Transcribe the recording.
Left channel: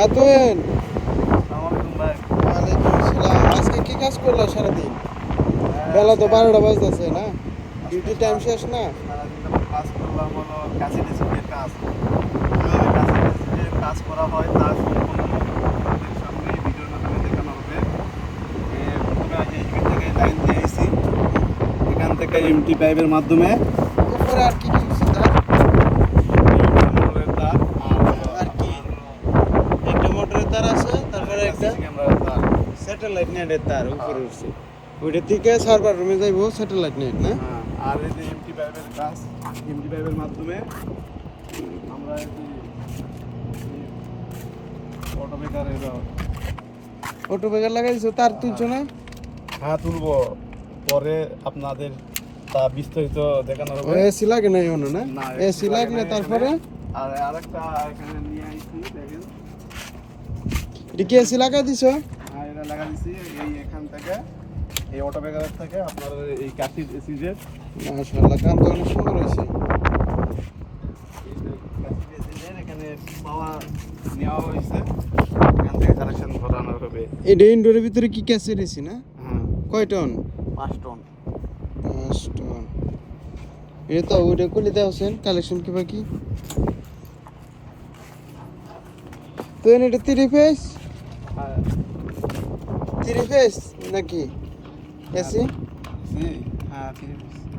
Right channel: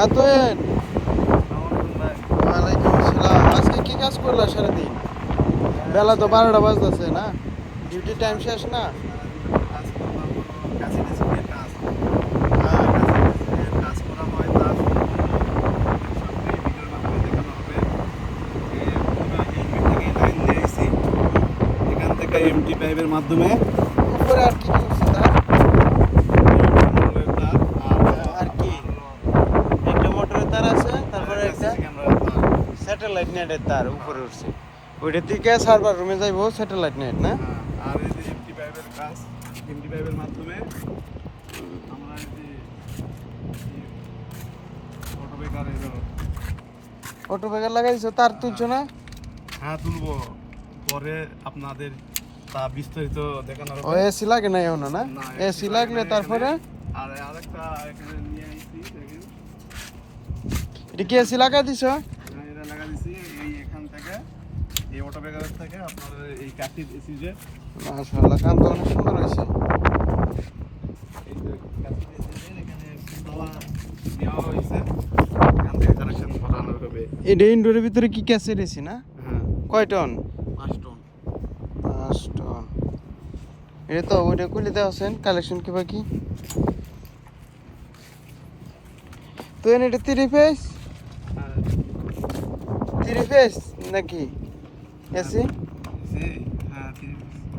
আতোয়েন, আসসালামু আলাইকুম ভাই। ওয়ালাইকুম আসসালাম। আজকে কি কাজ করলা সারাদিন? বেলা তো 12টা বাজতেছে না, ডিউটি টাইম শেষ না? সারাদিন কাজ করলাম হলো কাছে ডিসিপ্লিনের কাজ। কিভাবে কাছে ডিসিপ্লিনের কাজ করা হয় তার সম্পূর্ণ আপনাদের সামনে এই ভিডিওর মাধ্যমে দেখানো হবে। প্রথমে এইখান থেকে লাইন দিয়ে আইছি, এখান থেকে এমটি পাইপের মাধ্যমে উপরে আর কি কি উঠছে তার? মোটরের তার আর কি? একটা মোটরের তার আছে, তারপরে একটা ক্যামেরার তার। স্যাটেলাইট নেটের তার উপরে উঠছে। ওইটা থেকে সার্ভার রুমে যাইবো স্যাটেলাইট নেট না? আর এই যে এমটি পাইপের কাজ, এমটি পাইপের মাধ্যমে আমরা এই যে অটো মেকার অটো ব্যাগের লাগাই দিছো, তার তুলছো না? হ্যাঁ তুলবো, পরে আপনাদের তা বিস্তারিত দেখানো ও হবে। এসি লাগে না এখনো না? না, এসি লাগলে এখানে- তারপরে আর আরেকটা এখানে নিয়ে আইছি দেখেন। এটা কি এসি লাগাই দিছো? হ্যাঁ এটা লাগা দিছি এই এখান থেকে, এই অটো ব্যাগার থেকে আপনার এই কাঠি সিজের মাশাআল্লাহ, কাম তো অনেক সুন্দর হয়েছে। এখানে পাওয়া নেওয়া হয়েছে, এখান থেকে কানেকশন করানো হবে। এটা ইনডোরের ভিতরে কি ক্যাসেট এসি না? হ্যাঁ কয় টন? 5 টন। 5 টন। এটা তো ওইটা খুলে দেওয়া আছেন, কালেকশন কি বাকি? তো এটা 3 ফেজ? হ্যাঁ 3 ফেজ নাকি এসি? জি, হ্যাঁ 3 পিস।